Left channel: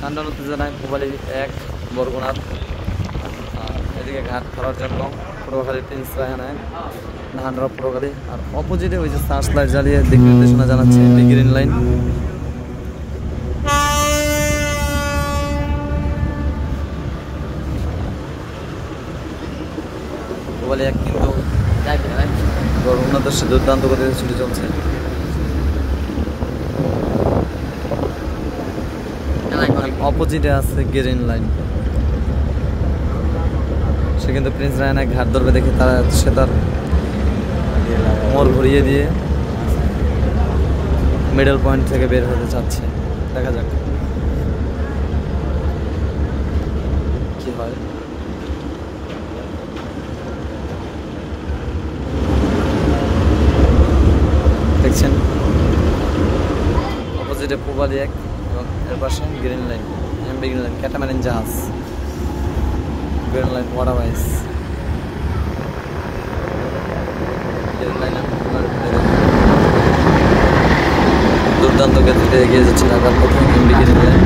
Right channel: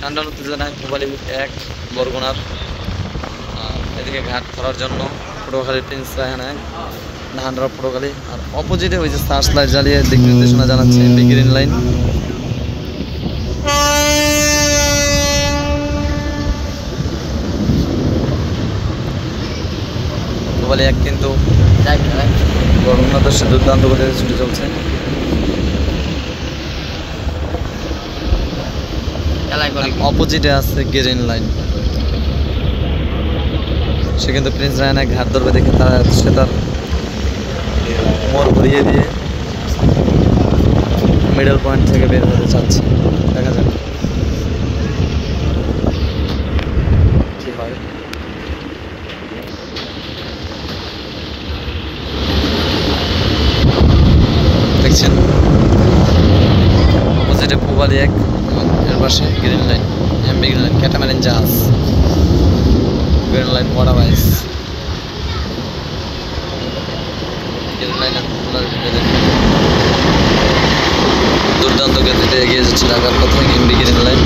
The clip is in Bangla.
টানটান উত্তেজনায় পূবালী 1 বরগুনার। আর এদিকে ঘাট ধরার জন্য পটুয়াখালী প্রিন্স রায়হান 1 ধানরা পটুয়াখালী। আর অপোজিটে ওই যে সার্চ লাইট জ্বালিয়ে দিক নির্দেশনা জানাচ্ছে এমবি গ্রিন লাইন। পূবালী 1 কিন্তু বরগুনা দর্শে দুর্দান্ত গতিতে ছুটে চলছে। অপোজিটে আছে গ্রিন লাইন, সে কিন্তু প্রিন্স রায়হান ঘাট ধরবে দেখে সে তার মোড় ঘুরিয়ে দিয়ে মিডল পয়েন্ট থেকে বের হতে চাচ্ছে। দেখা যাক কি হয়। দেখছেন অপোজিটে পূবালী 1 এবং এর পাশে Green Line, MV Green Line, catamaran জাহাজ, গ্রিন লাইন ওয়াটারওয়াইজ। গ্রিন লাইনের দুর্দান্ত গতিতে এগিয়ে যাচ্ছে ঢাকার পথে এমবি গ্রিন লাইন।